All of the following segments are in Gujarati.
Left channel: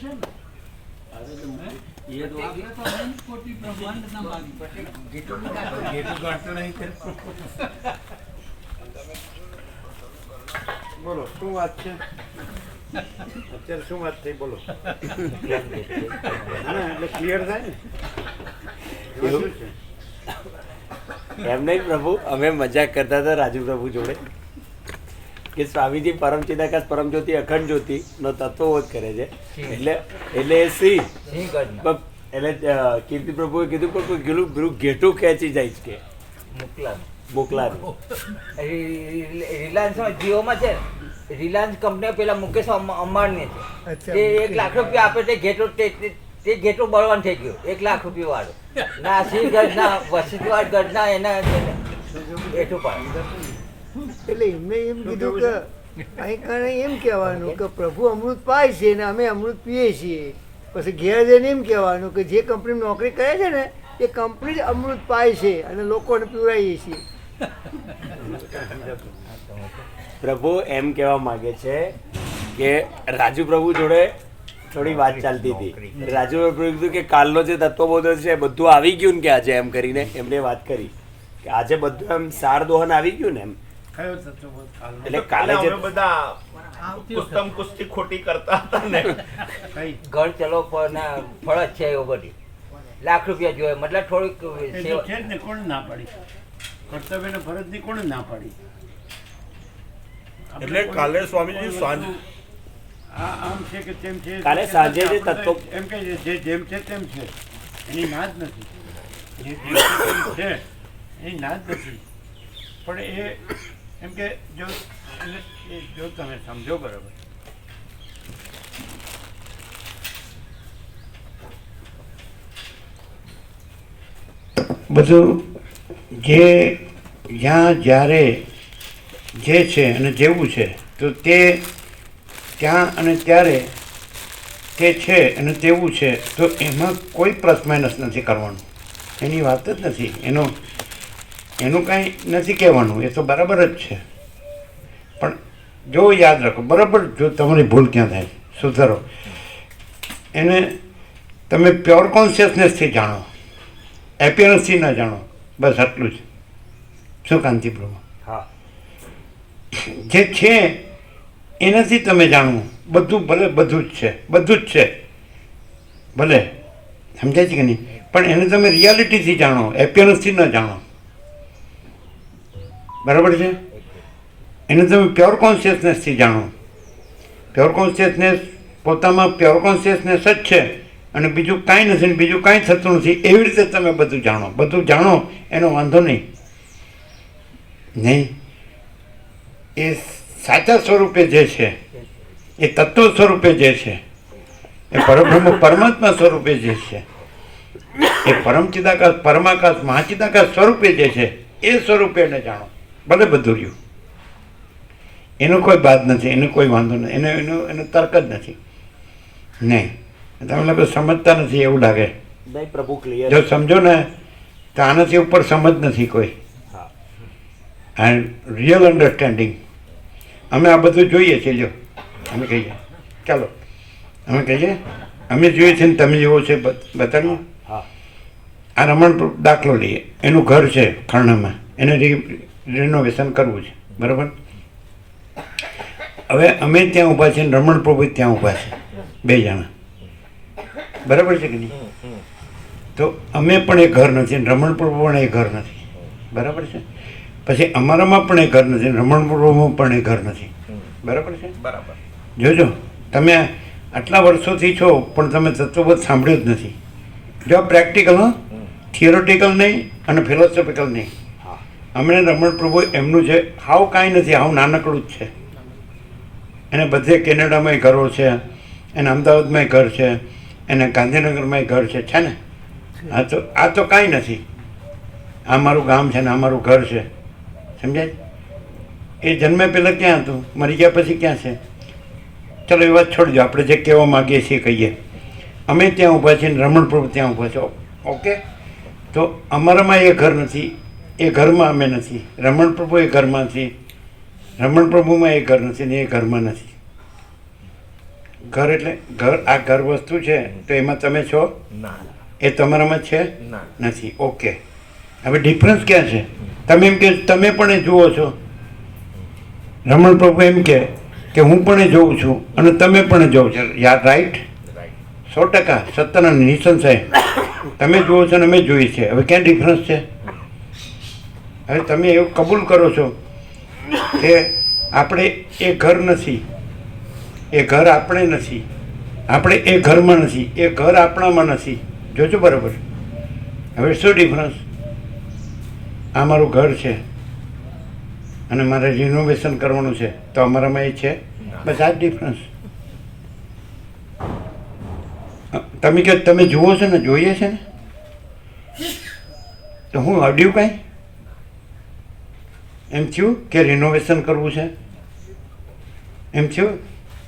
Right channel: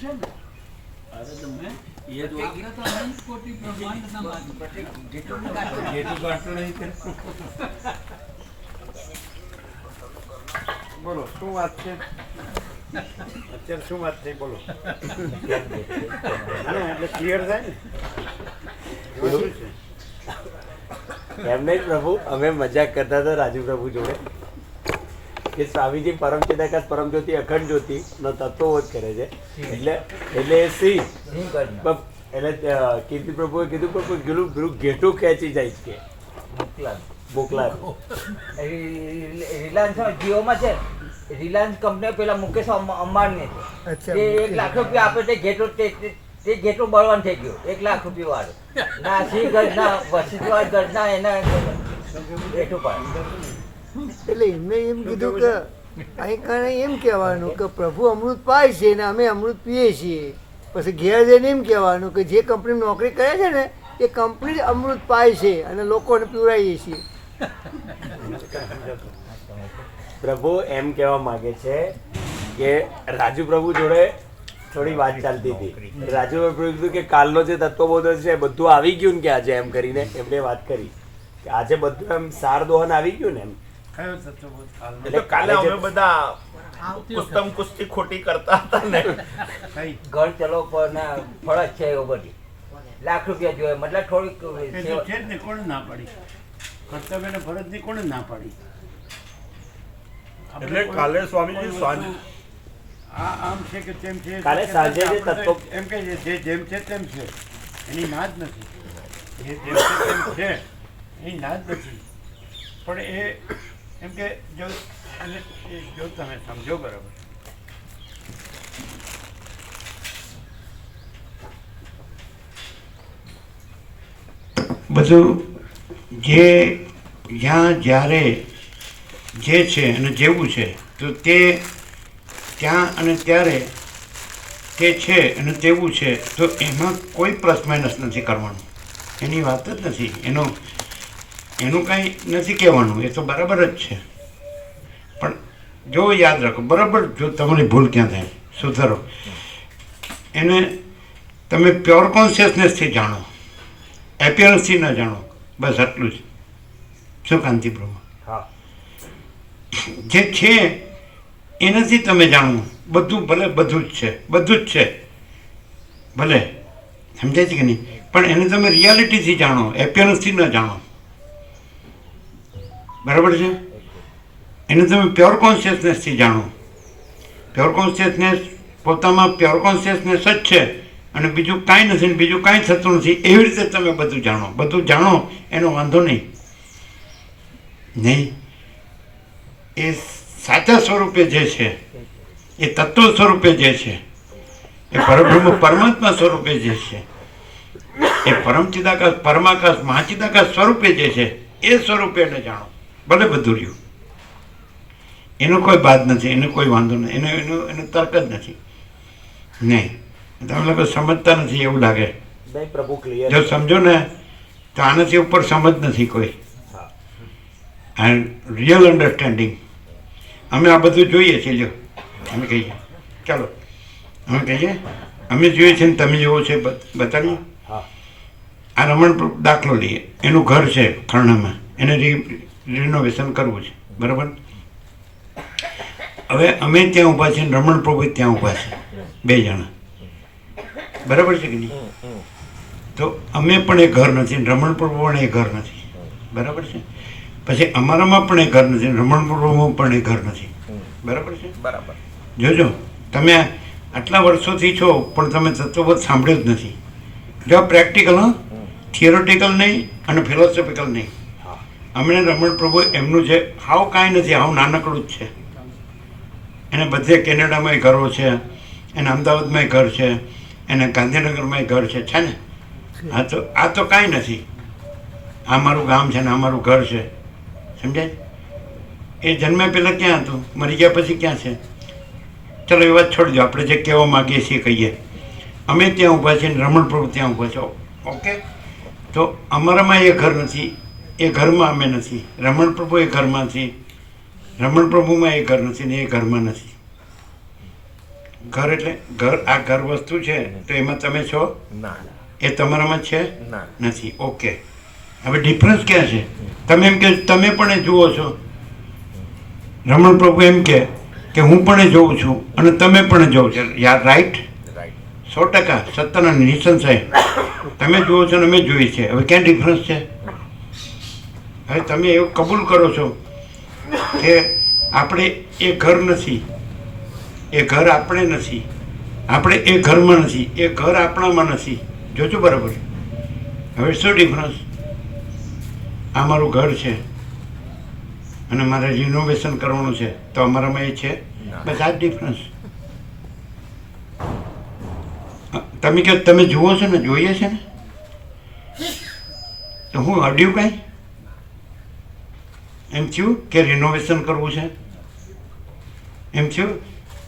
છે ને. અરે તમે એ તો આગ્રહ તો અનંત કોટી બ્રહ્માંડના માલિક. જેટલું કાઢતો નહીં કરે. બોલો શું વાત છે અત્યારે? શું વાત થઈ બોલો. ના એટલે ક્લિયર થાય ને એમાં શું છે? એમ નહીં પ્રભુ, અમે મજાક કરતા હતા રાજુ પ્રભુ જોડે કે સ્વામીજી પરમ ચિદાકાશ પરમ જ્યોતિ અખંડ જ્યોતિ નો તત્વબોધ કરે છે. એટલે એ સિંહ એટલે કીર્તિ પ્રભુએ કીધું પણ પેલું ઘેટું ખેંચી જાય છે કે મોકલા રિલાયન્સ જીઓમાં છે. રિલાયન્સ કંપની પેલા મુકેશ અંબાણી છે. તે 1 લાખ રૂપિયા આપે તે ઘેટો બળવાન થઈ ગયો. 1 લાખ રૂપિયા વાળો ના સિંહ ગઢ ના વસીવાડ ગઢ ના એના ઘેટું પાડે. એટલે એમને એમ કીધું કે અહીં કારણે એમ કહેવાનું કે પ્રભુ અમૃત પાય છે ને અમે અમૃત પીએ છીએ. પછી ઘેર જઈને એમ કહેવાનું કે જે કંપની નોકરી કરે છે ને એ કંપની જ અમૃત પાય છે અને લોકોને પીવડાવીએ છીએ. પ્રભુ એમ કહેવા માંગે છે કે રાજુ પ્રભુ જોડે થોડી વાત ચાલતી હતી. રાજુ પ્રભુ કીધું કે કાલનો જે તત્વબોધ છે બધું આવી ગયું ને કે આજે એમ કરીને એમને વાત કરી કે આજે બધું એમ સાર દોહન આવી ગયું ને એમ. કયો તત્વબોધ કાલનો? એટલે કાલે અમે બધા કુસ્તમ કુસ્તી ખોટી કરતા હતા ને. કઈ ઘર ચલો પણ ફરજ છે એવું બધી. લાખ રૂપિયા જોઈએ મતલબ થોડીક એ તો છે જ ને. કોણે ના પાડી? કર્તવ્ય ને ફરજ ની કોણે ના પાડી? એટલે કાલે સ્વામીજી સાંજ આ આમ છે કે તેમ છે. કાલે સાંજે જે તત્વ એમ કે જે જેમ છે તેમ છે એની ના જ નથી. જે જેમ છે તેમ છે એની ના જ નથી. પણ એ એમ કે જો એને જો તમે સમજો બરાબર, બધું જે જ્યાં જ્યારે જે છે અને જેવું છે તો તે ત્યાં અને ત્યારે તે છે અને તેવું છે તો એમાં કોઈ પ્લસ માઇનસ નથી કરવાનું. એની વાત જ નથી. એનું કાંઈ નથી કહેવાનું. એ તો બરાબર જ છે. પણ જો યાદ રાખો બરાબર, જો તમારી ભૂલ ક્યાં થાય સુધારો. એને તમે પ્યોર કોન્શિયસનેસથી જાણો, એપિયરન્સથી ન જાણો. બસ આટલું જ. શું કાંતિપ્રભુ? હા જે છે એનાથી તમે જાણો. બધું ભલે બધું જ છે, બધું જ છે ભલે, સમજાય છે કે નહીં? પણ એને તમે રિયાલિટીથી જાણો, એપિયરન્સથી ન જાણો. બરાબર છે? એને તમે પ્યોર કોન્શિયસનેસથી જાણો. પ્યોર કોન્શિયસનેસ પોતામાં પ્યોર કોન્શિયસનેસ જ છે અને બીજું કાંઈ નથી ને બીજું કાંઈ થતું નથી. એવી રીતે તમે બધું જાણો. બધું જાણો એનો વાંધો નહીં. એ સાચા સ્વરૂપે જે છે, એ તત્વ સ્વરૂપે જે છે, એ પરબ્રહ્મ પરમાત્મા સ્વરૂપે જે છે, એ પરમ ચિદાકાશ પરમાકાશ મહાચિદાકાશ સ્વરૂપે જે છે એ સ્વરૂપે એને જાણો. ભલે બધું રહ્યું, એનો કોઈ બાદ નથી, એનો કોઈ વાંધો નથી, એનો તર્ક જ નથી. નહીં, તમે લોકો સમજતા નથી એવું લાગે. નહીં પ્રભુ ક્લિયર. જો સમજો ને તો આનાથી ઉપર સમજ નથી કોઈ. And real understanding. અમે આ બધું જોઈએ છીએ. જો અમે કહીએ ચાલો અમે કહીએ અમે જોઈએ છીએ ને તમે જેવો છે બતાવીએ. આ રમણ દાખલો લઈએ. એનું ઘર છે ખરણામાં, એને રિનોવેશન કરવું છે. બરાબર? હવે અમે ત્યાં ઊભા છીએ ને રમણ પ્રભુ ત્યાં ઊભા છે, 2 જણા. બરાબર છે કે નહીં? તો અમે પણ એ ઘર નથી ને રમણ પ્રભુ પણ એ ઘર નથી. બરાબર છે? પછી અમારામાં પણ એ ઘર નથી, રમણ પ્રભુમાં પણ એ ઘર નથી. બરાબર છે? બરાબર. જોજો, તમે આટલા વર્ષોથી છો પણ તમે તત્વબોધ સાંભળ્યું જ નથી. જો પ્રેક્ટિકલ, થિયોરિટિકલ નહીં અને ફિલોસોફિકલ નહીં. અમને રમણ પ્રભુ એમનું છે હાવ કાંઈ નથી, હાવ નાનકડું જ છે. એને બધે કેનેડામાંય ઘરો છે, એને અમદાવાદમાંય ઘર છે, એને ગાંધીનગરમાંય ઘર છે ને? આ તો કાંઈ નથી. આ મારું ગામ છે ને આ મારું ઘર છે. સમજાય? એ જન્મે પહેલાં ક્યાં હતું, મરી ગયા પછી ક્યાં છે? ચલો એ વાત છોડી દો. આપણે જે કહેવા માગીએ છીએ કહીએ. અમે ત્યાં ઊભા છીએ ને રમણ પ્રભુ ત્યાં ઊભા છો. ઓકે? તો અમારામાં એ ઘર નથી, એ ઘરમાં અમે નથી. રમણ પ્રભુ એ ઘરમાં નથી, રમણ પ્રભુમાં એ ઘર નથી ને એ ઘરમાં નથી. ઘર એટલે ઘર, આ ઘર વસ્તુ છે તો એમાં તમે છો? ના એ તમારામાં છે? ના. નથી. ઓકે, હવે ડિફરન્સ ક્યાં છે? તમે એમ કે તમે પણ એ જુઓ છો. રમણ પ્રભુ એમ કે હું પણ એ જોઉં છું અને તમે પણ જોવો છો. યાર રાઈટ, 100% સત્તાના નિસંશય તમે જુઓ છો અને અમે જોઈએ છે. હવે ક્યાં ડિફરન્સ છે? હવે તમે એવું કબૂલ કરો છો કે આપણે એ ઘર નથી, એ ઘર આપણે નથી, આપણે એ ઘરમાં નથી, એ ઘર આપણામાં નથી. જોજો બરાબર. હવે શું ડિફરન્સ? આ મારું ઘર છે અને મારે રિનોવેશન કરવાનું છે તો અમારામાં એ છે. બસ આ જ ડિફરન્સ. તમે કે તમે જુઓ છો ને, જોઈએ છે ને, તો હું અડ્યું કાંઈ? એમ થયું કે રિનોવેશન કરવું છે? એમ થયું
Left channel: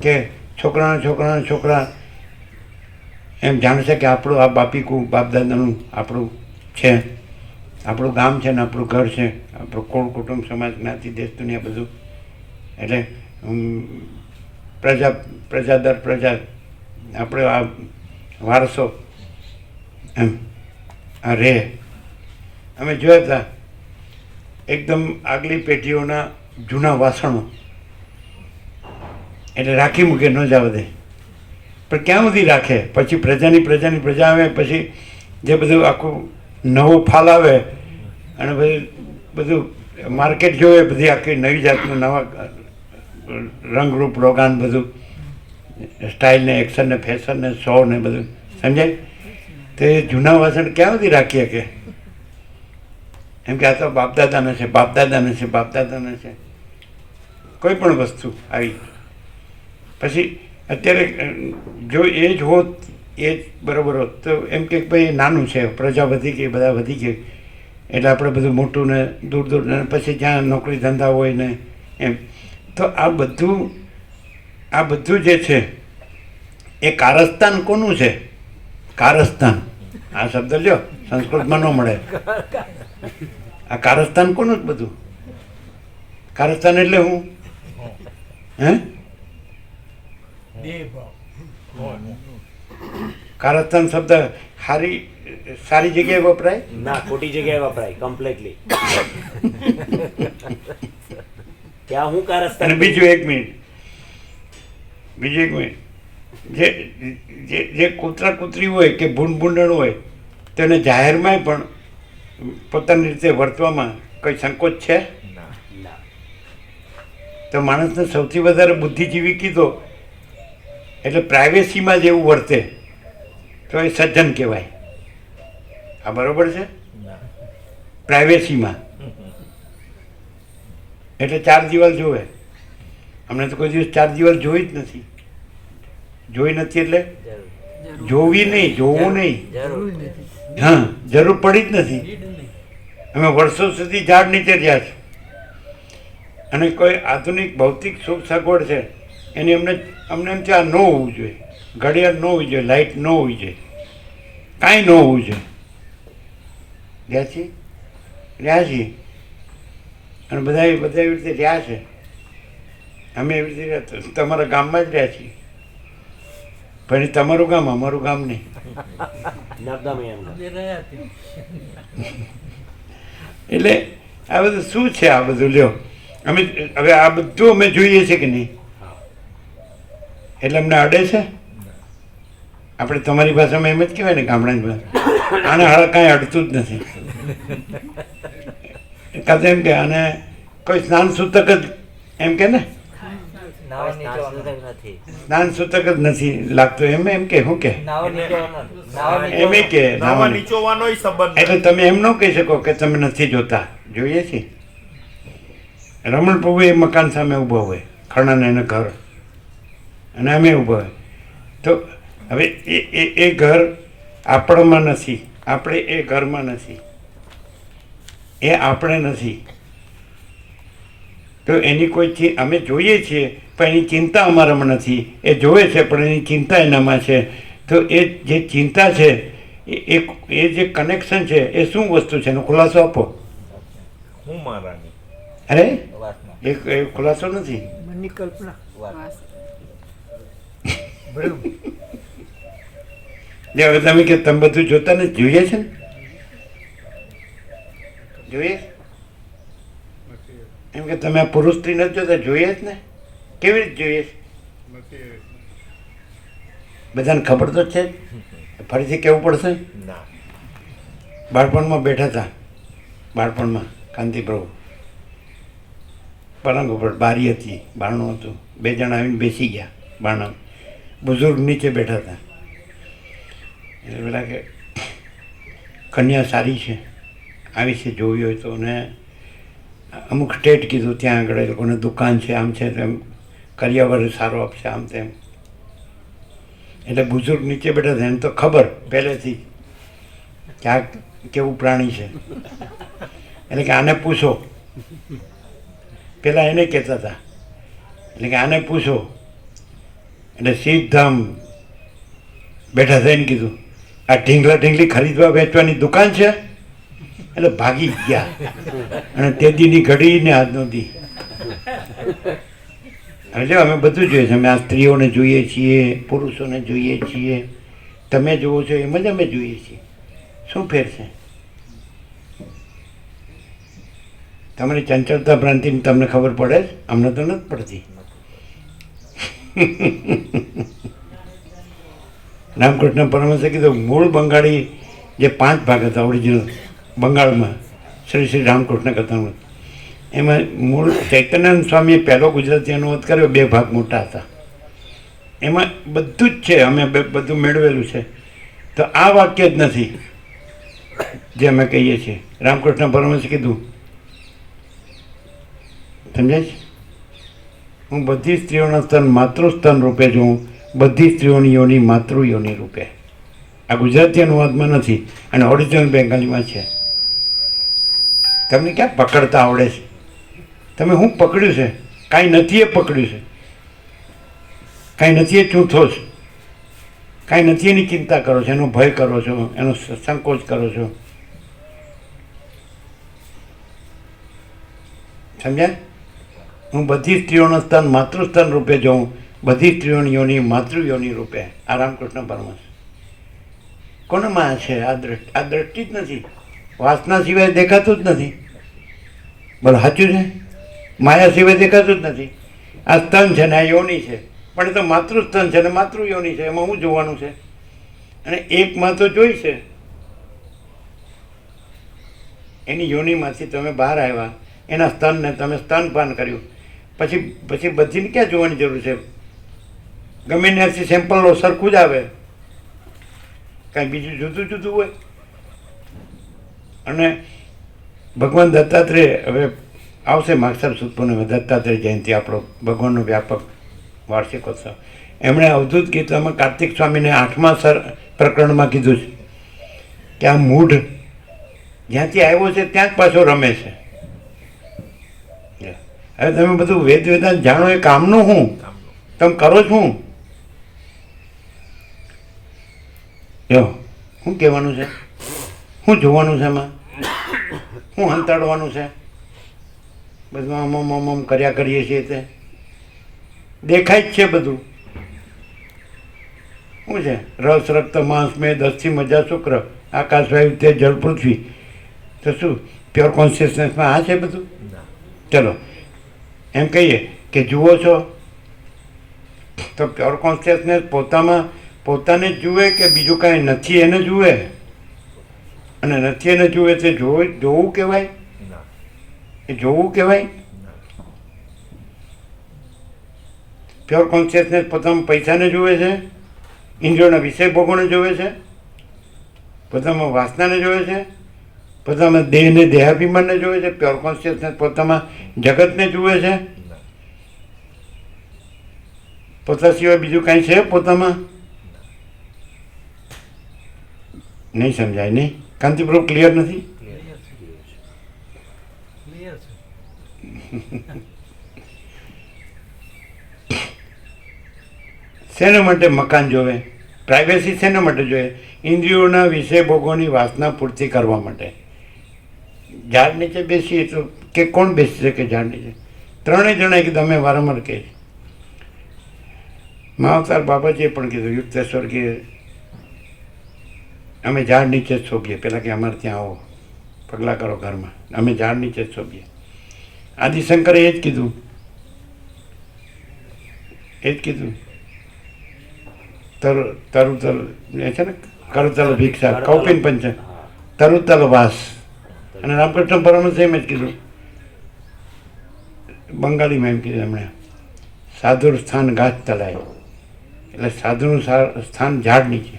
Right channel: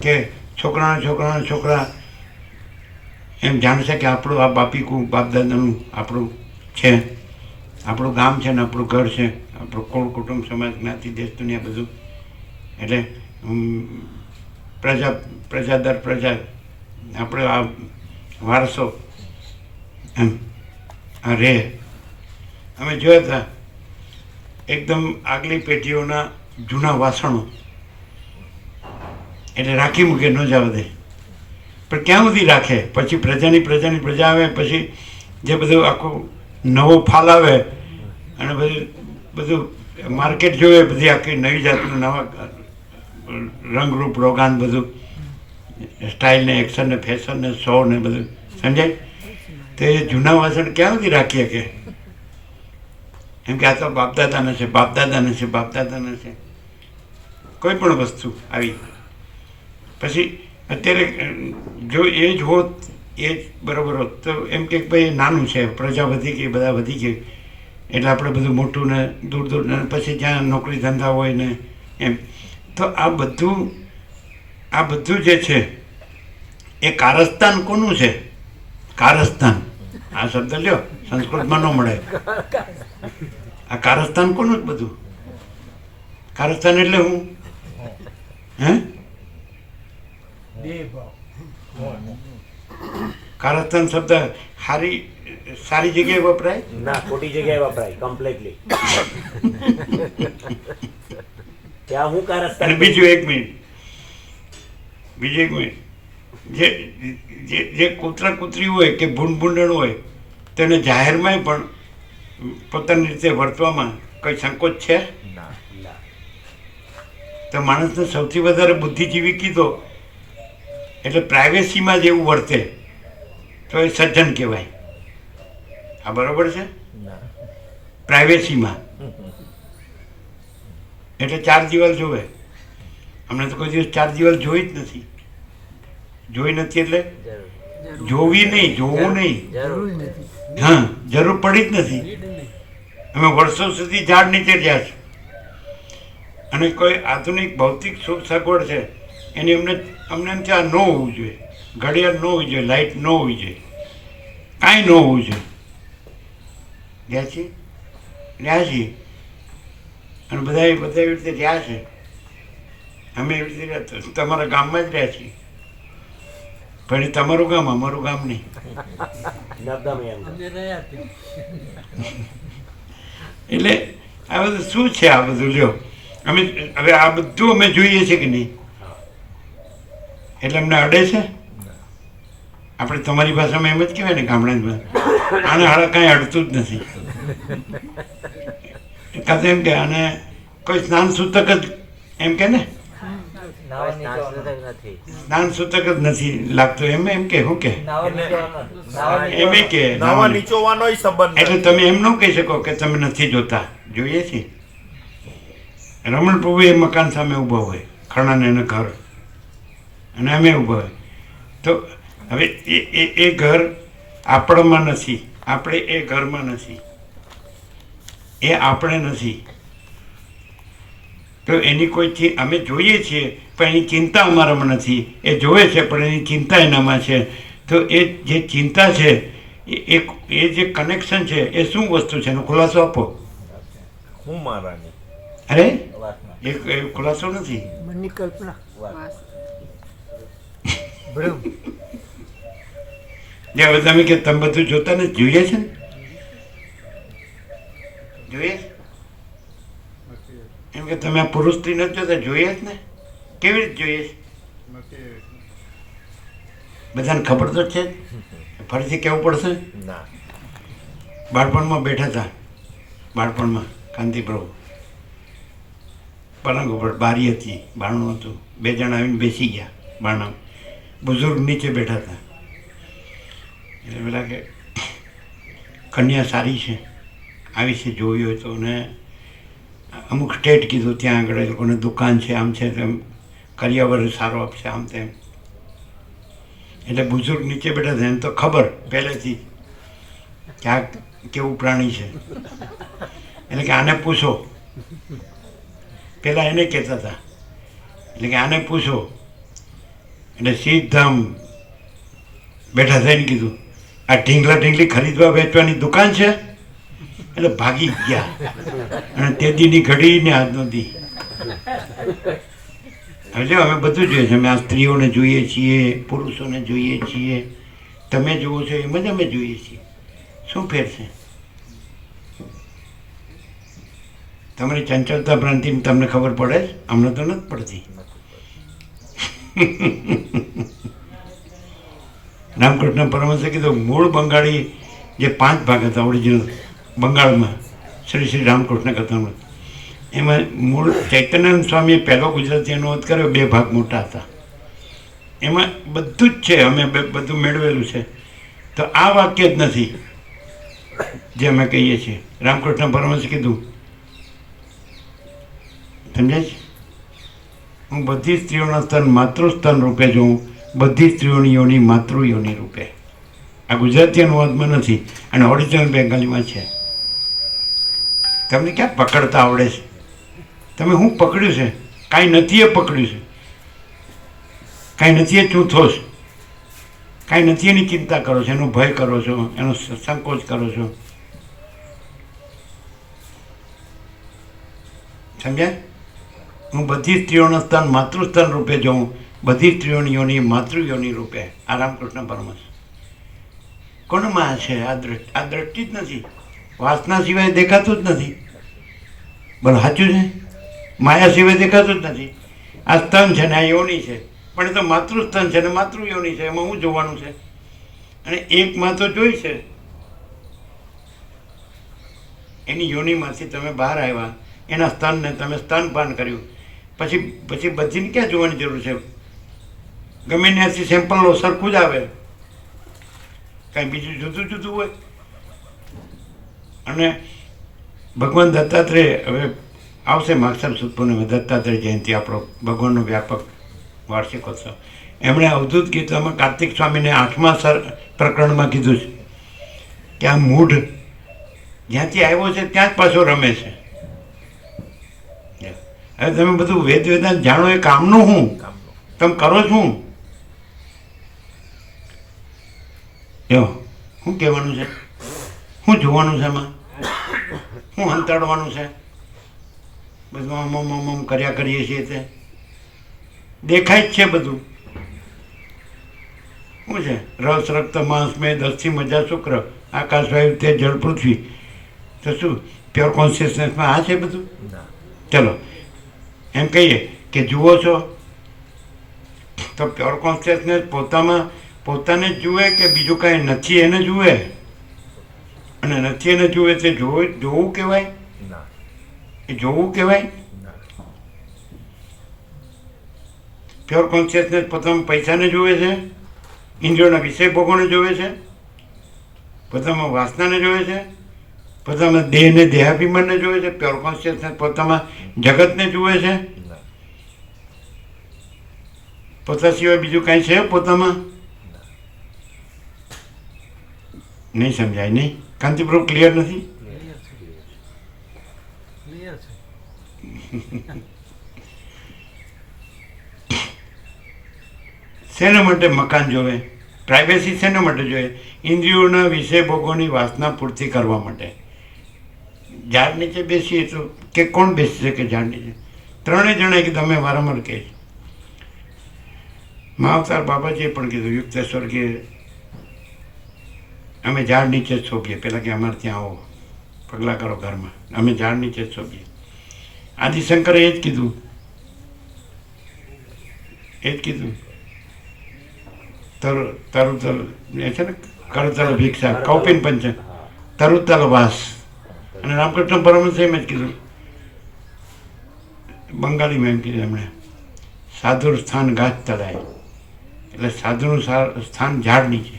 કે છોકરા એમ જાણશે કે આપણું આ બાપીકું બાપ દાદાનું આપણું છે, આપણું ગામ છે ને આપણું ઘર છે, આપણું કુળ કુટુંબ સમાજ જ્ઞાતિ દેશ દુનિયા બધું. એટલે પ્રજા દર પ્રજા આપણે આ વારસો એમ આ રહે. અમે જોયા હતા એકદમ આગલી પેઢીઓના જૂના વાસણો, એટલે રાખી મૂકે, ન જવા દે. પણ ક્યાં સુધી રાખે? પછી પ્રજા આવે, પછી જે બધું આખું નવો ફાલ આવે અને બધું માર્કેટ જોવે, બધી આખી નવી જાતનું નવા રંગરૂપ રોગાન, બધું સ્ટાઇલ ને એક્શન ને ફેશન ને શો ને બધું, સમજાય? તે જૂના વાસણ ક્યાં સુધી રાખીએ? કે એમ કે આ તો બાપદાદાને છે, બાપદાદાને છે, બાપદાદાને છે. કોઈ પણ વસ્તુ આવી પછી અત્યારે જો એ જ હોત, એ જ બરાબર હોત તો એમ કે ભાઈ નાનું છે, પ્રજા વધી ગઈ, બધા વધી ગઈ, એટલે આપણે બધું મોટું ને દૂર ને પછી જ્યાં નોકરી ધંધા હોય ને એમ. તો આ બધું જે છે એ કારસ્તાન કોનું છે? કારસ્તાન, આ શબ્દ લ્યો, સંસ્કૃતમાં ન મળે. આ કારસ્તાન કોનું જ બધું? કારસ્તાન એટલે હું કારસ્તાન શબ્દ સારી જગ્યાએ વપરાય ના, ખોટી જગ્યાએ વપરાય કમ્પ્લીટલી. ત્યાં હું કારસ્તાન. અને બીજું એક મિનિટ, જે કૂતરા કૂતરી હોય કે ભૂંડ ભૂંડણ હોય તેને જાહેરમાં પણ પોતાની રીતે વર્તવામાં કંઈ સંકોચ છે? તો માણસને સૌથી વધારે બુદ્ધિજીવી કીધો એટલે પ્રાઇવેસીમાં જેવું વર્તે તો એ સજ્જન કહેવાય. આ બરોબર છે? પ્રાઇવેસીમાં એટલે 4 દિવાલ જોવે. અમને તો કોઈ દિવસ 4 દિવાલ જોઈ જ નથી. જોઈ નથી એટલે જોવી નહીં, જોવું નહીં. હા, જરૂર પડી જ નથી. અમે વર્ષો સુધી ઝાડ નીચે રહ્યા છે અને કોઈ આધુનિક ભૌતિક સુખ સગવડ છે એની અમને એમ ત્યાં ન હોવું જોઈએ. ઘડિયાળ ન હોવી જોઈએ, લાઇટ ન હોવી જોઈએ, કાંઈ ન હોવું જોઈએ. રહ્યા છીએ અને બધા એવી રીતે રહ્યા છે. અમે એવી રીતે રહ્યા, તમારા ગામમાં જ રહ્યા છીએ, પણ એ તમારું ગામ, અમારું ગામ નહીં. એટલે આ બધું શું છે? આ બધું લ્યો, અમે હવે આ બધું અમે જોઈએ છે કે નહીં? એટલે અમને અડે છે? આપણે તમારી ભાષામાં એમ જ કહેવાય ને, ગામડાની ભાષા, આને હાળ કાંઈ અડતું જ નથી. કાં એમ કે આને કોઈ સ્નાન સૂતક જ એમ કે ને, સ્નાન સૂતક જ નથી લાગતું એમ કે શું કે એમ કે નાવા નીચોવાનોય સંબંધ એટલે તમે એમ ન કહી શકો કે તમે નથી જોતા, જોઈએ છીએ. રમણ પ્રભુ એ મકાન સામે ઊભો હોય, ખણાને એને ઘર, અને અમે ઊભા હોય. તો હવે એ ઘર આપણામાં નથી, આપણે એ ઘરમાં નથી, એ આપણે નથી. તો એની કોઈ અમે જોઈએ છીએ પણ એની ચિંતા અમારામાં નથી. એ જોવે છે પણ એની ચિંતા એનામાં છે. તો એ જે ચિંતા છે એ જે કનેક્શન છે એ શું વસ્તુ છે એનો ખુલાસો આપો. હું મારાની અરે એ ખુલાસો નથી. મનની કલ્પના. ભ્રમ. ને હવે તમે કે તમે બધું જોતા ને જોઈએ છે ને જોઈએ એમ કે તમે આ પુરુષ સ્ત્રી નથી જોતા જોઈએ જ ને કેવી રીતે જોઈએ છે? બધાને ખબર તો છે જ. ફરીથી કહેવું પડશે. ના બાળપણમાં બેઠા હતા બાળપણમાં કાંતિ પ્રભુ પલંગ ઉપર બારી હતી બારણું હતું 2 જણા આવીને બેસી ગયા બારણા બુઝુર્ગ નીચે બેઠા હતા એટલે પેલા કે કન્યા સારી છે આવી છે જોવી હોય તો ને અમુક સ્ટેટ કીધું ત્યાં આગળ એ લોકોને દુકાન છે આમ છે તેમ કરિયાવર સારો આપશે આમ તેમ એટલે બુઝુર્ગ નીચે બેઠા હતા એમ તો ખબર પહેલેથી કે આ કેવું પ્રાણી છે એટલે કે આને પૂછો પેલા એને કહેતા હતા એટલે કે આને પૂછો એટલે સીધા બેઠા થઈને કીધું આ ઢીંગલા ઢીંગલી ખરીદવા વેચવાની દુકાન છે એટલે ભાગી ગયા અને તે દીની ઘડી ને આજનો દી એટલે અમે બધું જોઈએ છીએ અમે આ સ્ત્રીઓને જોઈએ છીએ પુરુષોને જોઈએ છીએ તમે જુઓ છો એમ જ અમે જોઈએ છીએ શું ફેર છે તમારી ચંચળતા ભ્રાંતિની તમને ખબર પડે જ અમને તો નથી પડતી રામકૃષ્ણ પરમહંસે કીધું મૂળ બંગાળી જે 5 ભાગ હતા ઓરિજિનલ બંગાળમાં શ્રી શ્રી રામકૃષ્ણ કથામાં એમાં મૂળ ચૈતન્યાનંદ સ્વામીએ પહેલો ગુજરાતી અનુવાદ કર્યો 2 ભાગ મોટા હતા એમાં બધું જ છે અમે બધું મેળવેલું છે તો આ વાક્ય જ નથી જે અમે કહીએ છીએ રામકૃષ્ણ પરમહંસે કીધું સમજાય છે હું બધી સ્ત્રીઓના સ્તન માતૃસ્તન રૂપે જોઉં બધી સ્ત્રીઓની યોની માતૃ યોની રૂપે આ ગુજરાતી અનુવાદમાં નથી અને ઓરિજિનલ બેંગાલીમાં છે તમને ક્યાં પકડતા આવડે છે તમે શું પકડ્યું છે કાંઈ નથી એ પકડ્યું છે કાંઈ નથી એ ચૂંથો છે કાંઈ નથી એની ચિંતા કરો છો એનો ભય કરો છો એનો સંકોચ કરો છો સમજાય હું બધી સ્ત્રીઓનું સ્થાન માતૃસ્થાન રૂપે જોઉં બધી સ્ત્રીઓની યોની માતૃયોની રૂપે આ રામકૃષ્ણ પરમહંસ કોનામાં છે આ દ્રષ્ટિ જ નથી વાસના સિવાય દેખાતું જ નથી બોલો સાચું છે માયા સિવાય દેખાતું જ નથી આ સ્તન છે ને આ યોની છે પણ એ તો માતૃસ્તન છે ને માતૃયોની છે એમાં શું જોવાનું છે અને એકમાં તો જોઈ છે એની યોનીમાંથી તમે બહાર આવ્યા એના સ્તનને તમે સ્તનપાન કર્યું પછી બધીને ક્યાં જોવાની જરૂર છે ગમે ત્યાંથી સેમ્પલ લો સરખું જ આવે કાંઈ બીજું જુદું જુદું હોય અને ભગવાન દત્તાત્રેય હવે આવશે માગસર સુદ પૂર્ણિમા દત્તાત્રેય જયંતિ આપણો ભગવાનનો વ્યાપક વાર્ષિકોત્સવ એમણે અવધૂત ગીતામાં કાર્તિક સ્વામીને 8મા પ્રકરણમાં કીધું છે કે આ મૂઢ જ્યાંથી આવ્યો છે ત્યાં જ પાછો રમે છે હવે તમે બધું વેદાંત જાણો એ કામનું શું તમે કરો શું શું કહેવાનું છે શું જોવાનું છે એમાં શું હંતાડવાનું છે બધું આમ કર્યા કરીએ છીએ તે દેખાય જ છે બધું શું છે રસ રક્ત માંસ મેદ અસ્થિ મજા શુક્ર આકાશ વાયુ તે જળ પૃથ્વી તો શું પ્યોર કોન્શિયસનેસમાં આ છે બધું ચલો એમ કહીએ કે જુઓ છો તો પ્યોર કોન્શિયસનેસ પોતાને જ જુએ કે બીજું કાંઈ નથી એને જુએ અને નથી એને જુએ તે જોવું કહેવાય એ જોવું કહેવાય પ્યોર કોન્શિયસનેસ પોતામાં પૈસાને જુએ છે ઇન્દ્રિયોના વિષય ભોગોને જુએ છે પોતામાં વાસનાને જુએ છે પોતામાં દેહને દેહાભિમાનને જુએ છે પ્યોર કોન્શિયસનેસ પોતામાં જગતને જુએ છે પોતા સિવાય બીજું કાંઈ છે પોતામાં નહીં સમજાય નહીં કાંતિપ્રભુ ક્લિયર નથી શેના માટે મકાન જોવે પ્રાઇવેસી શેના માટે જોઈએ ઇન્દ્રિયોના વિષય ભોગોની વાસના પૂર્તિ કરવા માટે ઝાડ નીચે બેસીએ તો કે કોણ બેસી શકે ઝાડ નીચે ત્રણેય જણા કે તમે વારંવાર કહે મહાઅવતાર બાબાજીએ પણ કીધું યુક્તેશ્વર કે અમે ઝાડ નીચે જ શોભીએ. પહેલાં કે અમારે ત્યાં આવો, પગલાં કરો ઘરમાં, અમે ઝાડ નીચે જ શોભીએ. આદિશંકરે એ જ કીધું, તરુતલ એ છે ને, કરતલ ભિક્ષા કૌપિન પંચ તરુતલ વાસ. અને રામકૃષ્ણ પરમહંસે એમ જ કીધું, બંગાળીમાં એમ કીધું એમણે, સાધુર સ્થાન ગાછ તળાય, એટલે સાધુનું સ્થાન ઝાડ નીચે.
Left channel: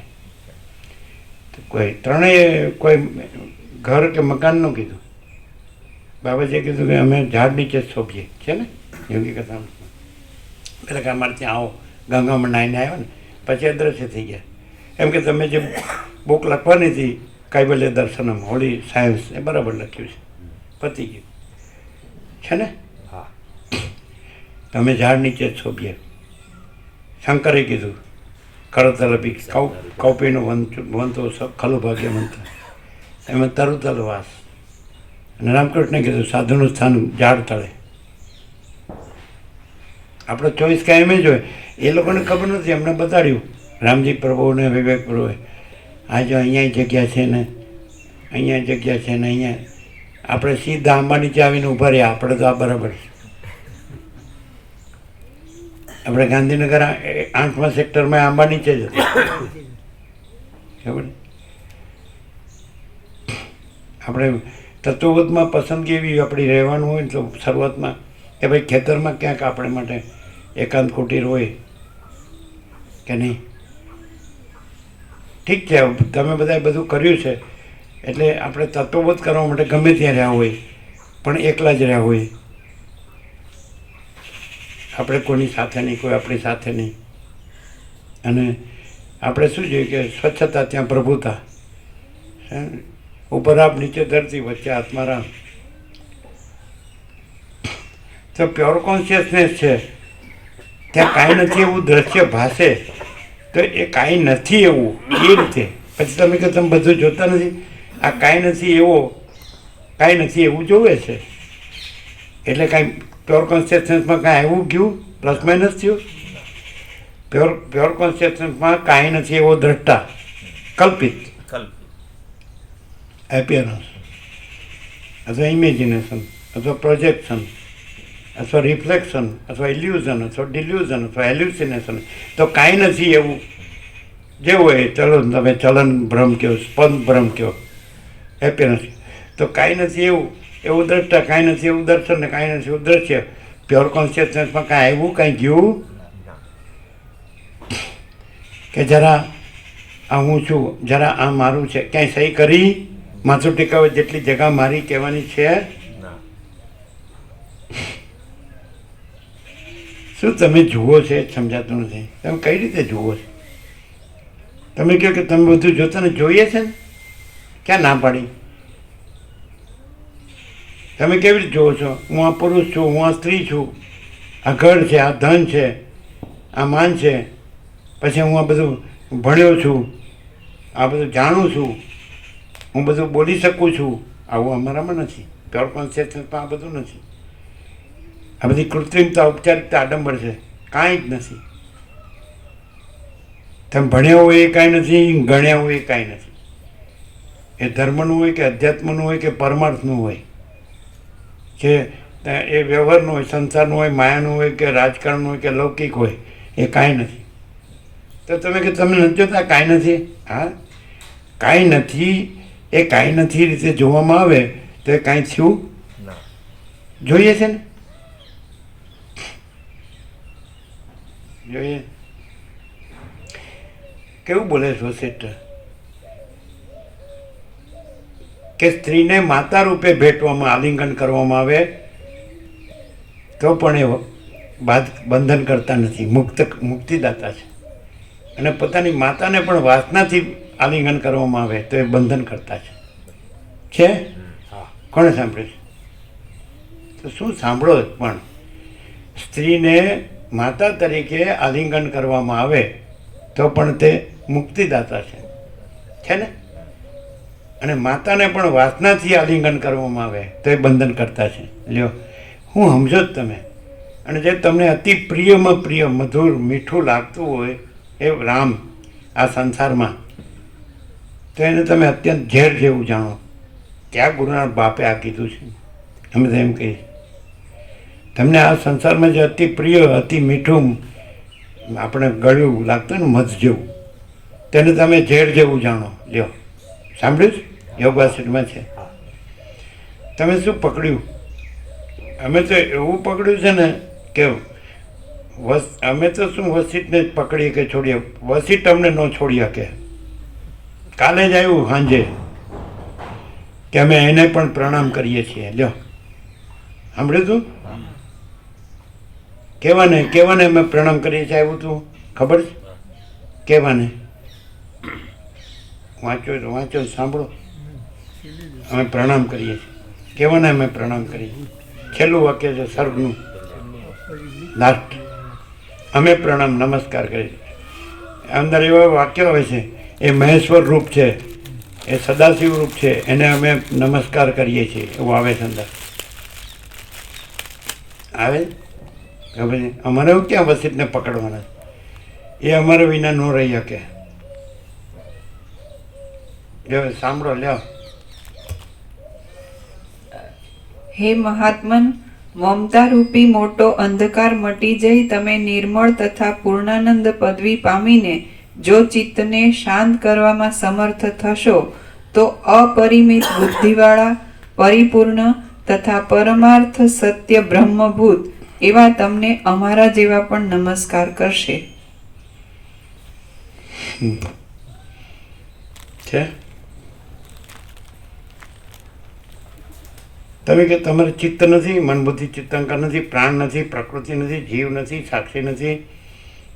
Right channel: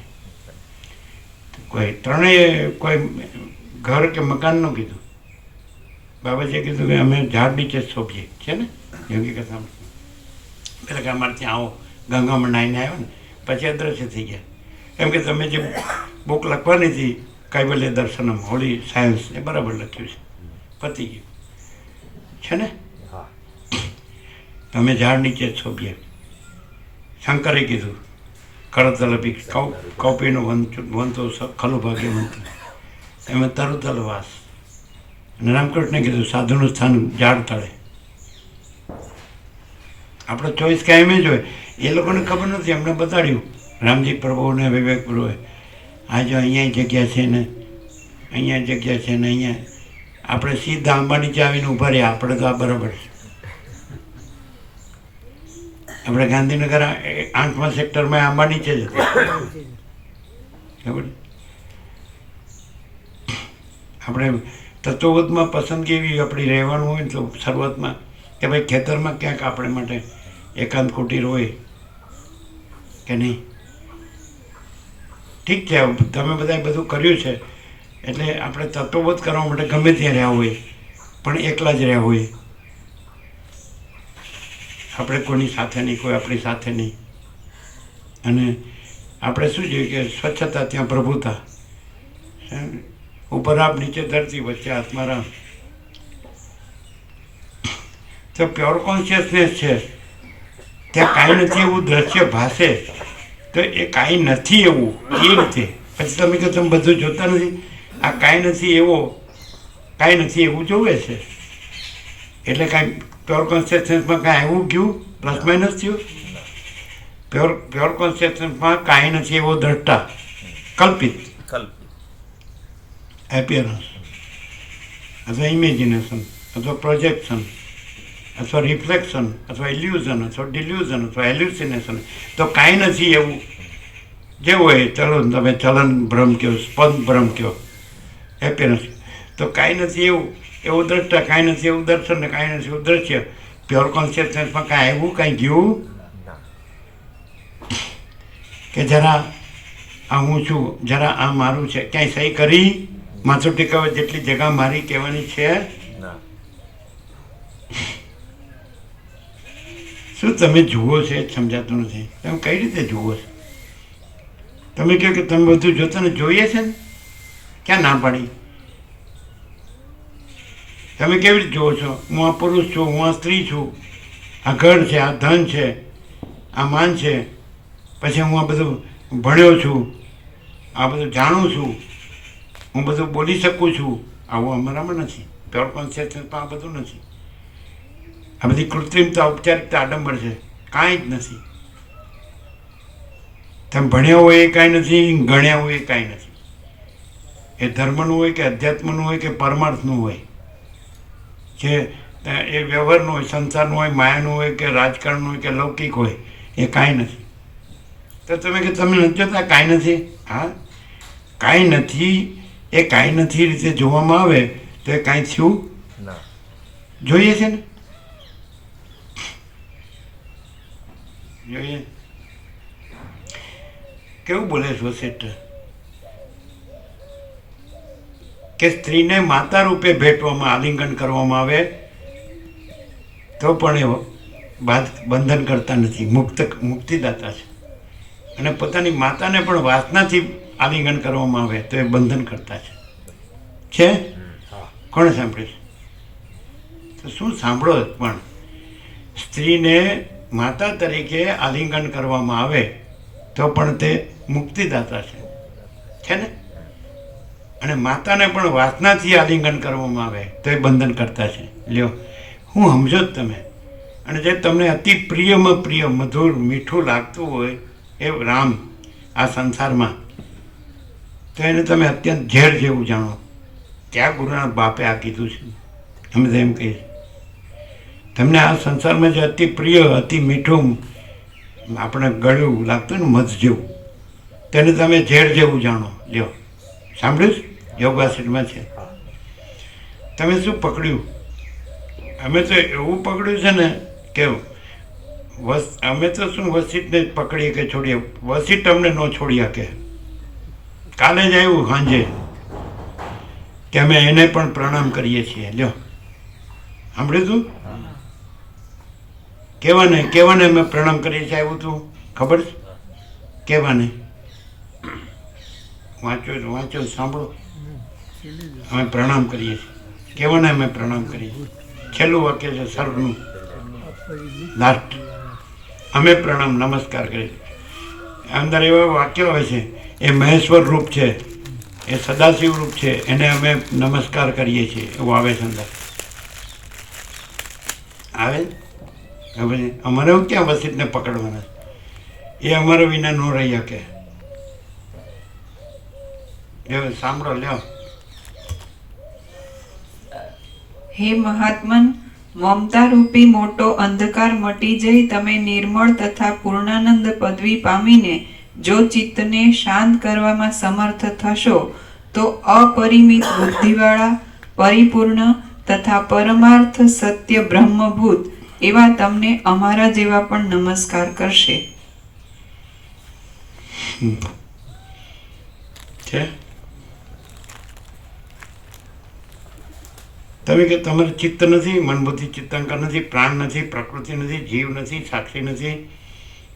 કોઈ ત્રણેય કોઈ ઘર કે મકાનનું કીધું. બાબાજીએ કીધું કે અમે ઝાડ નીચે જ શોભીએ છે ને. જેમ કે કથા પેલા કે અમારે ત્યાં આવો, ગંગામાં નાહીને આવ્યો ને પછી અદ્રશ્ય થઈ ગયા. એમ કે તમે જે બુક લખવાની હતી કૈવલ્ય દર્શનમ હોળી સાયન્સ, એ બરાબર લખ્યું છે, પતી ગયું છે ને. તમે ઝાડ નીચે જ શોભીએ. શંકરે કીધું કરતલ કૌપીનો વંતો ખલું ભાગ્ય મંત્ર, એમાં તરુતલ વાસ. અને રામકૃષ્ણે કીધું સાધુનું સ્થાન ઝાડ તળે. આપણો ચોઈસ કાયમી જ હોય. એ લોકોને ખબર નથી, એમને બતાડ્યું રામજી પ્રભુને વિવેક પ્રભુએ, આ જો અહીંયા જગ્યા છે ને અહીંયા જગ્યા છે ને અહીંયા. આપણે સીધા આંબા નીચે આવીને ઊભા રહ્યા, આપણે તો આ બરાબર છે. આપણે ગાંધીનગર 8મા સેક્ટરમાં આંબા નીચે જ હતું. આપણે તત્વબોધમાં પસંદગી એવી આપણી રહેવાનું હોય ને તો શરૂઆતમાં કે ભાઈ ખેતરમાં ક્યાંક આપણે માટે એકાંત કુટીર હોય કે નહીં. ઠીક છે, તમે બધાએ બધું કર્યું છે એટલે આપણે તત્વબોધ કરવા માટે ગમે ત્યાં રહ્યા હોય, પણ એકલા જ રહ્યા હોય. આપણે કોઈની સાથે નહીં, કોઈ આપણી સાથે નહીં. અને આપણે શું જોઈએ કે સ્વચ્છતા ત્યાં પ્રભુતા, ઉપર આપ નીચે ધરતી વચ્ચે આત્મારામ. તો પ્યોર કોન્શિયસનેસ છે, ત્યાં કાંઈ નથી એવું દ્રશ્ય ભાસે તો એ કાંઈ નથી એવું એ રીતે. પછી તમે કે તમે બધું જોતા નથી, આ કાંઈ નથી એવું જોવે છે. એટલે કાંઈ પ્યોર કોન્શિયસનેસમાં કાંઈ એવું ગયું પ્લસ માઇનસ થયું. પ્યોર કોન્શિયસનેસમાં કાંઈ નથી એવો દ્રષ્ટા, કલ્પિત એપિયરન્સ અથવા ઇમેજિનેશન અથવા પ્રોજેક્શન અથવા રિફ્લેક્શન અથવા ઇલ્યુઝન અથવા ડિલ્યુઝન અથવા એલ્યુસિનેશન. તો કાંઈ નથી એવું જે હોય, ચલો તમે ચલન ભ્રમ કહો, સ્પંદ ભ્રમ કહો, એપિયરન્સ. તો કાંઈ નથી એવું દ્રષ્ટા, કાંઈ નથી એવું દર્શન ને કાંઈ નથી એવું દ્રશ્ય. પ્યોર કોન્શિયસનેસમાં કાંઈ આવ્યું, કાંઈ ગયું કે જરા આ હું છું, જરા આ મારું છે, ક્યાંય સહી કરી માથું ટેકાવે જેટલી જગા મારી કહેવાની છે. શું તમે જુઓ છો એ સમજાતું નથી. તમે કઈ રીતે જુઓ છો? તમે કહો કે તમે બધું જોતા ને જોઈએ છે ને, ક્યાં ના પાડી? તમે કેવી રીતે જુઓ છો? હું આ પુરુષ છું, હું આ સ્ત્રી છું, આ ઘર છે, આ ધન છે, આ માન છે, પછી હું આ બધું ભણ્યો છું, આ બધું જાણું છું, હું બધું બોલી શકું છું. આવું અમારામાં નથી. પ્યોર કોન્શિયસનેસમાં આ બધું નથી. આ બધી કૃત્રિમતા, ઔપચારિકતા, આડંબર છે, કાંઈ જ નથી. તમે ભણ્યા હોય એ કાંઈ નથી, ગણ્યા હોય એ કાંઈ નથી. એ ધર્મનું હોય કે અધ્યાત્મનું હોય કે પરમાર્થનું હોય, જે એ વ્યવહારનું હોય, સંસારનું હોય, માયાનું હોય કે રાજકારણનું હોય કે લૌકિક હોય, એ કાંઈ નથી. તો તમે કે તમે નથી જોતા કાંઈ નથી. હા, કાંઈ નથી એ કાંઈ નથી રીતે જોવામાં આવે તો એ કાંઈ થયું જોઈએ છે ને, જોઈએ. કેવું બોલે છે વસિષ્ઠ કે સ્ત્રીને માતા રૂપે ભેટવામાં, આલિંગન કરવામાં આવે તો પણ એ બંધન કરતા નથી, મુક્તિદાતા છે. અને પોતાની માતાને પણ વાસનાથી આલિંગન કરવામાં આવે તો એ બંધન કરતા છે. કોણે સાંભળે છે? તો શું સાંભળો, પણ સ્ત્રીને માતા તરીકે આલિંગન કરવામાં આવે તો પણ તે મુક્તિદાતા છે ને. અને માતાને પણ વાસનાથી આલિંગન કરવામાં આવે તો એ બંધન કરતા છે. લ્યો, હું સમજો જ તમે. અને જે તમને અતિ પ્રિયમાં પ્રિય મધુર મીઠું લાગતું હોય એ રામ આ સંસારમાં, તો એને તમે અત્યંત ઝેર જેવું જાણો. ત્યાં ગુરુનાથ બાપે આ કીધું છે. અમે તો એમ કહીએ તમને આ સંસારમાં જે અતિ પ્રિય અતિ મીઠું આપણે ગળ્યું લાગતું ને મધ જેવું, તેને તમે ઝેર જેવું જાણો. લ્યો, સાંભળ્યું? યોગવાસિતમાં છે. તમે શું પકડ્યું? અમે તો એવું પકડ્યું છે ને કે અમે તો શું વસીતને જ પકડીએ કે છોડીએ, વસીત અમને ન છોડી શકે. કાલે જ આવ્યું સાંજે કે અમે એને પણ પ્રણામ કરીએ છીએ. લ્યો, સાંભળ્યું તું? કેવાને અમે પ્રણામ કરીએ છીએ. આવ્યું તું ખબર છે? કેવાને વાંચો સાંભળો. અમે પ્રણામ કરીએ છીએ. કેવાને અમે પ્રણામ કરીએ છીએ. છેલ્લું વાક્ય છે સર્વનું લાસ્ટ. અમે પ્રણામ નમસ્કાર કરીએ. અંદર એવા વાક્ય હોય છે, એ મહેશ્વર રૂપ છે, એ સદાશિવ રૂપ છે, એને અમે નમસ્કાર કરીએ છીએ. એવું આવે છે અંદર. આવે હવે અમારે એવું ક્યાં વસીતને પકડવાના? એ અમારે વિના ન રહી શકે. લ્યો સાંભળો. લ્યો. હે મહાત્મન, મમતા રૂપી મોટો અંધકાર મટી જઈ તમે નિર્મળ તથા પૂર્ણાનંદ પદવી પામીને જો ચિત્તને શાંત કરવામાં સમર્થ થશો તો અપરિમિત બુદ્ધિવાળા પરિપૂર્ણ તથા પરમાર્થ સત્ય બ્રહ્મભૂત એવા તમને અમારા જેવા પણ નમસ્કાર કરશે. છે તમે કે તમારે ચિત્ત નથી, મન બુદ્ધિ ચિત્તાંકર નથી, પ્રાણ નથી, પ્રકૃતિ નથી, જીવ નથી, સાક્ષી નથી,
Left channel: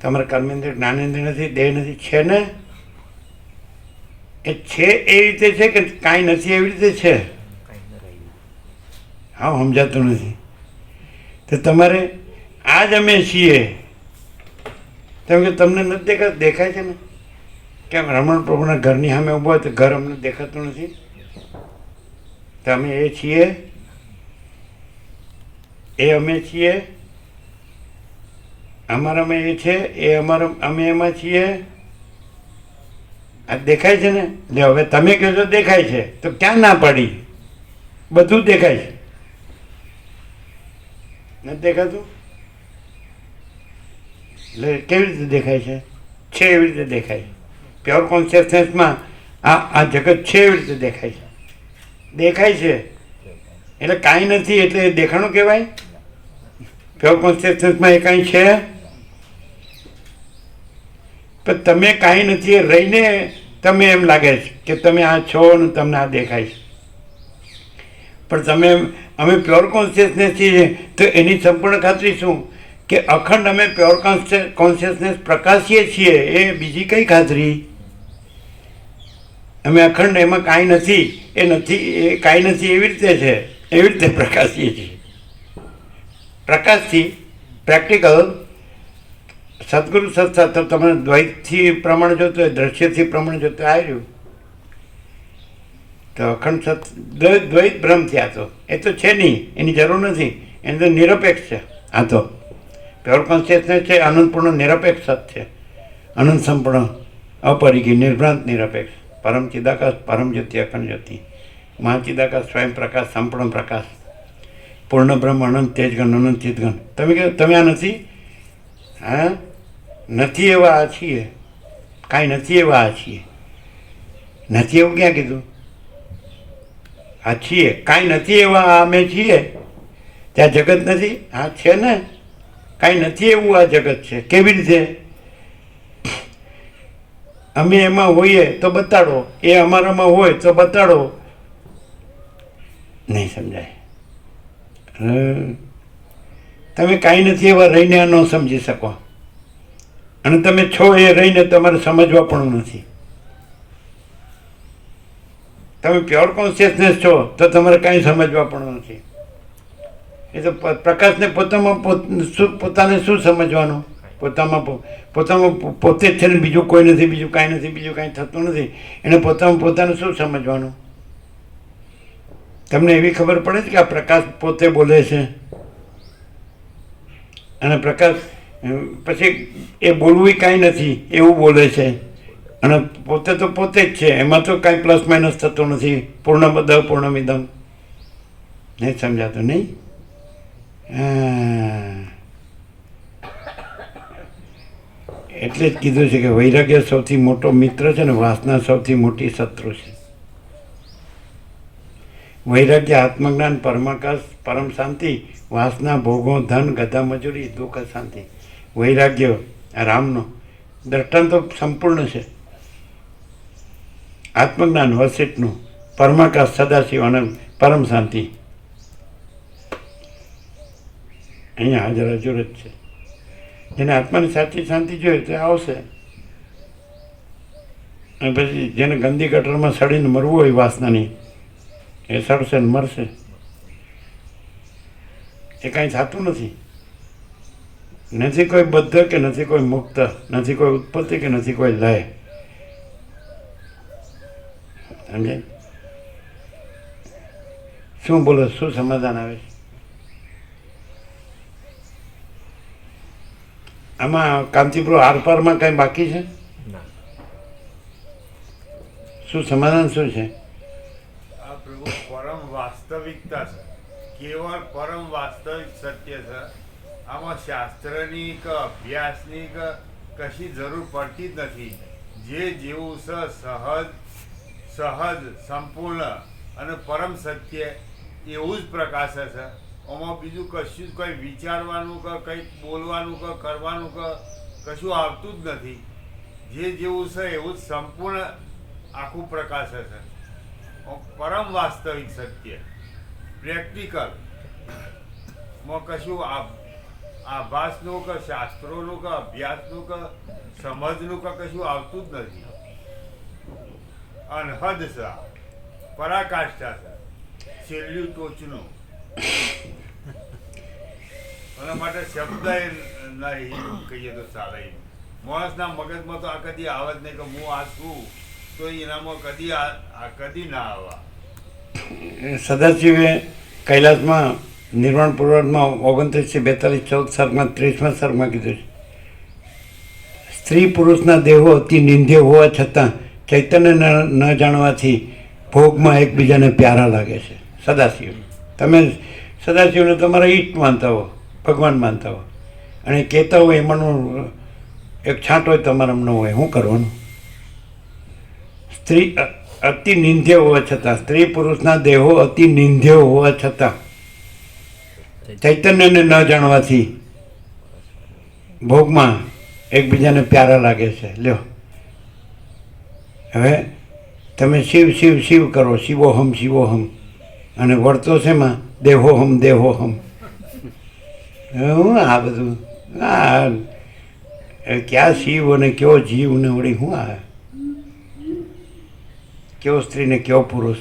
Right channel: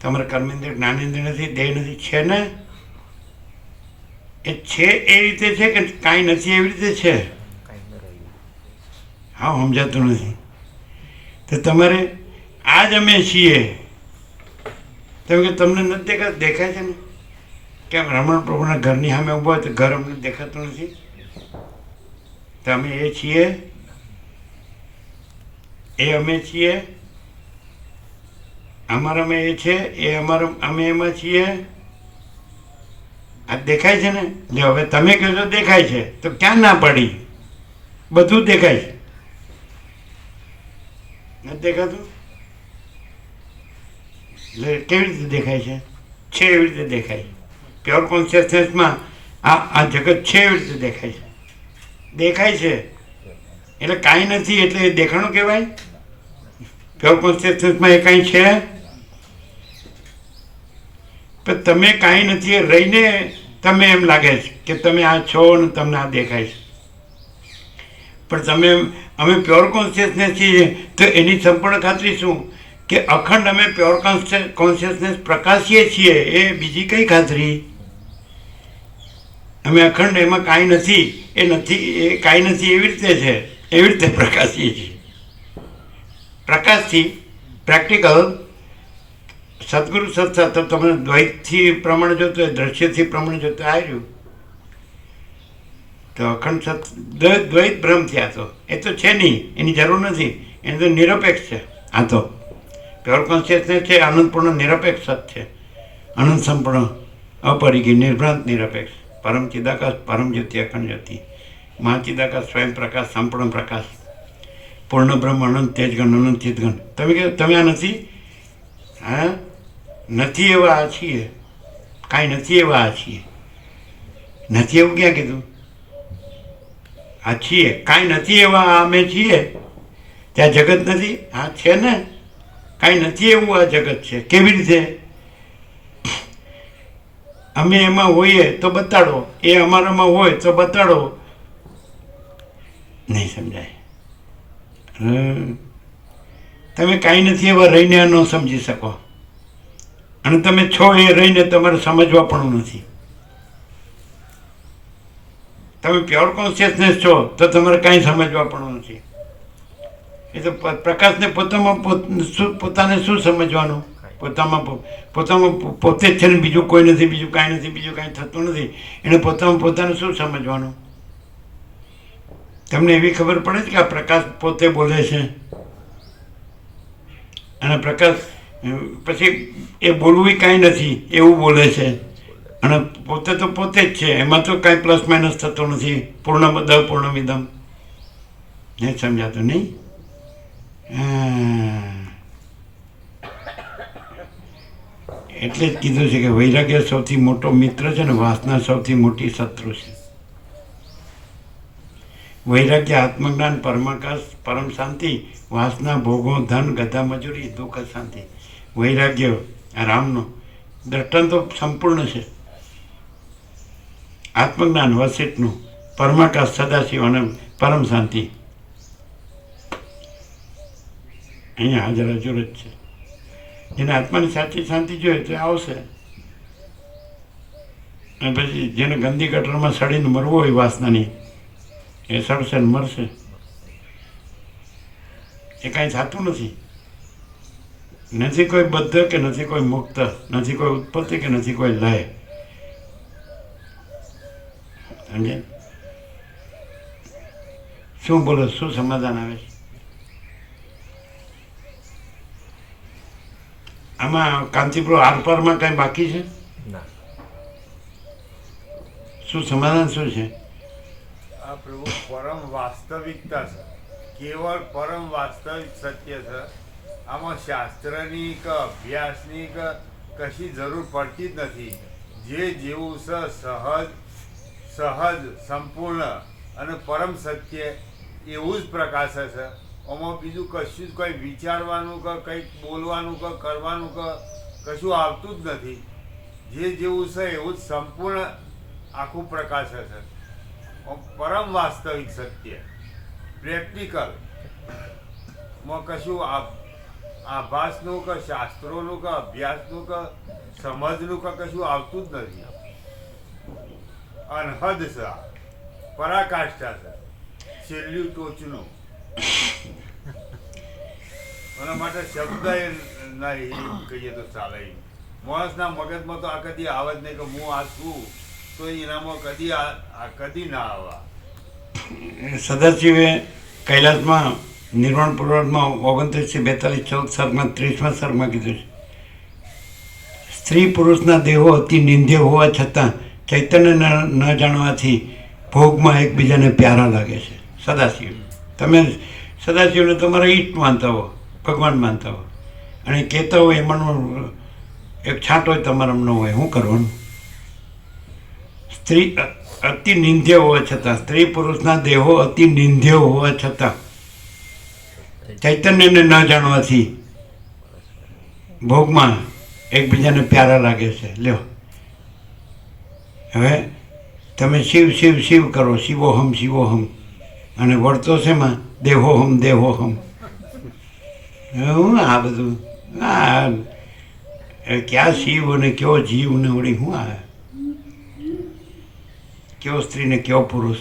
તમારા કર્મેન્દ્રિય જ્ઞાનેન્દ્રિય નથી, દેહ નથી. છે ને? એ છે એ રીતે છે કે કાંઈ નથી એવી રીતે છે? હા, સમજાતું નથી. તો તમારે આ જ અમે છીએ. તમે કે તમને નથી દેખાતું? દેખાય છે ને. કેમ રમણ પ્રભુના ઘરની સામે ઊભા હોય તો ઘર અમને દેખાતું નથી? તમે એ છીએ, એ અમે છીએ, અમારામાં એ છે, એ અમે એમાં છીએ. આ દેખાય છે ને. એટલે હવે તમે કહો છો દેખાય છે, તો ક્યાં ના પાડી? બધું દેખાય છે. નથી દેખાતું? એટલે કેવી રીતે દેખાય છે? છે એવી રીતે દેખાય. પ્યોર કોન્શિયસનેસમાં આ જગત છે એવી રીતે દેખાય છે. દેખાય છે એટલે કાંઈ નથી, એટલે એ દેખાણું કહેવાય? પ્યોર કોન્શિયસનેસમાં એ કાંઈ છે? પણ તમે કાંઈ નથી એ રહીને તમે એમ લાગે છે કે તમે આ છો ને તમને આ દેખાય છે. પણ તમે અમે પ્યોર કોન્શિયસનેસ છીએ તો એની સંપૂર્ણ ખાતરી શું કે અખંડ અમે પ્યોર કોન્શિયસનેસ પ્રકાશીએ છીએ. એ બીજી કઈ ખાતરી? અમે અખંડ એમાં કાંઈ નથી, એ નથી, એ કાંઈ નથી એવી રીતે છે, એવી રીતે પ્રકાશીએ છીએ. પ્રકાશથી પ્રેક્ટિકલ સદગુરુ સત્સંગ તો તમને દ્વૈતથી પ્રમાણે જોતો હોય, દ્રશ્યથી પ્રમાણે જોતો આવ્યું તો અખંડ દ્વૈત ભ્રમ થયા. તો એ તો છે નહીં, એની જરૂર નથી. એને તો નિરપેક્ષ છે. આ તો પ્યોર કોન્શિયસનેસ છે, આનંદપૂર્ણ નિરપેક્ષ સત છે. અનંત સંપૂર્ણ અપરિગી નિર્ભ્રાંત નિરપેક્ષ પરમ ચિદાકાશ પરમ જ્યોતિ અખંડ જ્યોતિ મહાચિદાકાશ સ્વયં પ્રકાશ સંપૂર્ણ પ્રકાશ પૂર્ણ બ્રહ્મ અનંત તેજગણ અનંત ચિતગણ. તમે કહો તમે આ નથી? હા, નથી એવા આ છીએ. કાંઈ નથી એવા આ છીએ. નથી એવું ક્યાં કીધું? આ છીએ. કાંઈ નથી એવા આ અમે છીએ. ત્યાં જગત નથી? હા છે ને. કાંઈ નથી એવું આ જગત છે. કેવી રીતે? અમે એમાં હોઈએ તો બતાડો, એ અમારામાં હોય તો બતાડો. નહીં સમજાય. તમે કાંઈ નથી એવા રહીને ન સમજી શકો, અને તમે છો એ રહીને તમારે સમજવા પણ નથી. તમે પ્યોર કોન્શિયસનેસ છો તો તમારે કાંઈ સમજવા પણ નથી. એ તો પ્રકાશને પોતાને શું સમજવાનું? પોતામાં પોતે જ છે ને, બીજું કોઈ નથી, બીજું કાંઈ નથી, બીજું કાંઈ થતું નથી. એને પોતાને શું સમજવાનું? તમને એવી ખબર પડે છે કે આ પ્રકાશ પોતે બોલે છે? અને પ્રકાશ પછી એ બોલવું કાંઈ નથી એવું બોલે છે, અને પોતે તો પોતે જ છે, એમાં તો કાંઈ પ્લસ માઇનસ થતું નથી. પૂર્ણમદ પૂર્ણમિદમ. નહીં સમજાતું? નહીં. એટલે જ કીધું છે કે વૈરાગ્ય સૌથી મોટો મિત્ર છે ને વાસના સૌથી મોટી શત્રુ છે. વૈરાગ્ય આત્મજ્ઞાન, પરમાકાશ, પરમ શાંતિ, વાસના ભોગો, ધન, ગધા મજૂરી, દુઃખ શાંતિ. વૈરાગ્ય રામનો દ્રષ્ટાંતો સંપૂર્ણ છે. આત્મજ્ઞાન વસિષ્ઠનું, પરમાકાશ સદાશિવ અને પરમ શાંતિ અહીંયા હાજર હજુર જ છે. જેને આત્માની સાચી શાંતિ જોઈએ તો આવશે, અને પછી જેને ગંદી ગટરમાં સડીને મરવું હોય વાસનાની, એ સડશે ને મરશે. એ કાંઈ થતું નથી. નથી કોઈ બદ્ધ કે નથી કોઈ મુક્ત, નથી કોઈ ઉત્પત્તિ કે નથી કોઈ લય. સમજે? શું બોલો? શું સમાધાન આવે છે આમાં? કાંતિપ્રો આરપારમાં કાંઈ બાકી છે? શું સમાધાન શું છે? આ પ્રભુ પરમ વાસ્તવિકતા છે, કેવળ પરમ વાસ્તવિક સત્ય છે. આમાં શાસ્ત્રની કે અભ્યાસની કે કશી જરૂર પડતી જ નથી. જે જેવું છે સહજ સંપૂર્ણ અને પરમ સત્ય એવું જ પ્રકાશે છે. આમાં બીજું કશું જ કંઈ વિચારવાનું કે કંઈક બોલવાનું કે કરવાનું કે કશું આવતું જ નથી. જે જેવું છે એવું જ સંપૂર્ણ આખું પ્રકાશે છે. પરમ વાસ્તવિક સત્ય, પ્રેક્ટિકલ માં કશું આભાસનું કે શાસ્ત્રોનું કે અભ્યાસનું કે સમજનું કે કશું આવતું જ નથી. અનહદ છે, પરાકાષ્ઠા છે, છેલ્લું ટોચનું. એના માટે શબ્દ નહીં કહીએ તો ચાલે. માણસના મગજમાં તો આ કદી આવે જ નહીં કે હું આ છું, તો એનામાં કદી ના આવવા. સદાશિવે કૈલાસમાં નિર્વાણ પૂર્વમાં 29-42 14 સર્ગમાં 30મા સર્ગમાં કીધું છે, સ્ત્રી પુરુષના દેહો અતિ નિંદ્ય હોવા છતાં ચૈતન્ય ન જાણવાથી ભોગમાં એકબીજાને પ્યારા લાગે છે. સદાશિવ, તમે સદાશિવને તમારા ઈષ્ટ માનતા હો, ભગવાન માનતા હો, અને કહેતા હોય એમાંનો એક છાંટ હોય તમારામાં ન હોય, શું કરવાનું? સ્ત્રી અતિ નિંદ્ય હોવા છતાં, સ્ત્રી પુરુષના દેહો અતિ નિંદ્ય હોવા છતાં ચૈતન્યને ન જાણવાથી ભોગમાં એકબીજાને પ્યારા લાગે છે. લ્યો, હવે તમે શિવ શિવ શિવ કરો, શિવોહમ શિવોહમ, અને વળતો છે એમાં દેહોહમ દેહોહમ. હું આ બધું ક્યાં શિવ અને કયો જીવ ને વળી શું આવે? કયો સ્ત્રી ને કયો પુરુષ?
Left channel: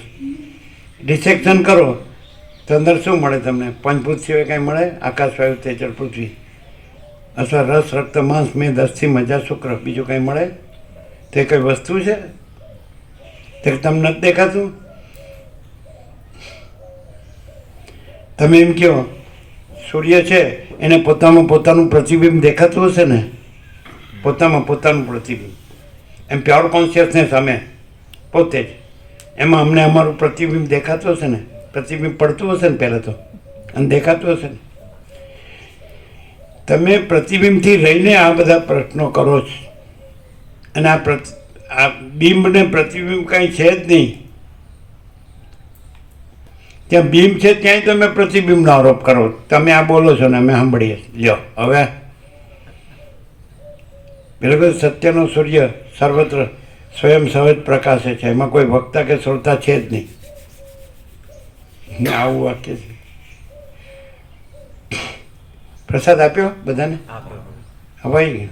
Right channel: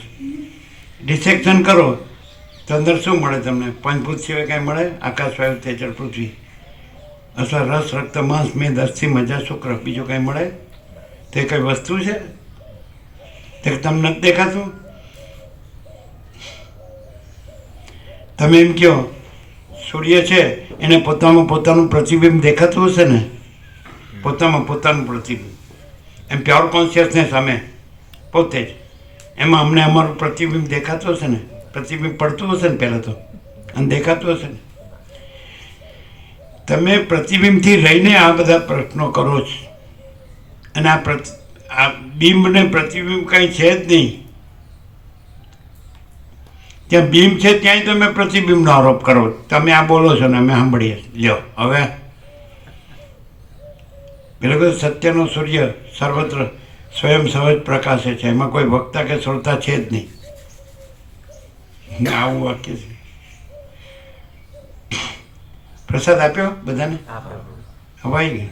ડિસેક્શન કરો તો અંદર શું મળે તમને? પંચભૂત સિવાય કાંઈ મળે? આકાશ, વાયુ, તેજલ, પૃથ્વી, અથવા રસ, રક્ત, માંસ, મેદ, અસ્થિ, મજા, શુક્ર, બીજું કાંઈ મળે? તે કઈ વસ્તુ છે તે તમને નથી દેખાતું? તમે એમ કહો સૂર્ય છે એને પોતામાં પોતાનું પ્રતિબિંબ દેખાતું હશે ને? પોતામાં પોતાનું પ્રતિબિંબ, એમ પ્યોર કોન્શિયસનેસ અમે પોતે જ, એમાં અમને અમારું પ્રતિબિંબ દેખાતું હશે ને? પ્રતિબિંબ પડતું હશે ને પહેલાં તો, અને દેખાતું હશે ને? તમે પ્રતિબિંબથી રહીને આ બધા પ્રશ્નો કરો છો, અને આ બિંબ ને પ્રતિબિંબ કાંઈ છે જ નહીં. ત્યાં બિંબ છે ત્યાંય તમે પ્રતિબિંબનો આરોપ કરો. તમે આ બોલો છો ને અમે સાંભળીએ. લ્યો હવે બિલકુલ સત્યનો સૂર્ય સર્વત્ર સ્વયં સહજ પ્રકાશે છે, એમાં કોઈ વક્તા કે શ્રોતા છે જ નહીં. આવું વાક્ય છે. પ્રસાદ આપ્યો બધાને? હવાઈ ગયું.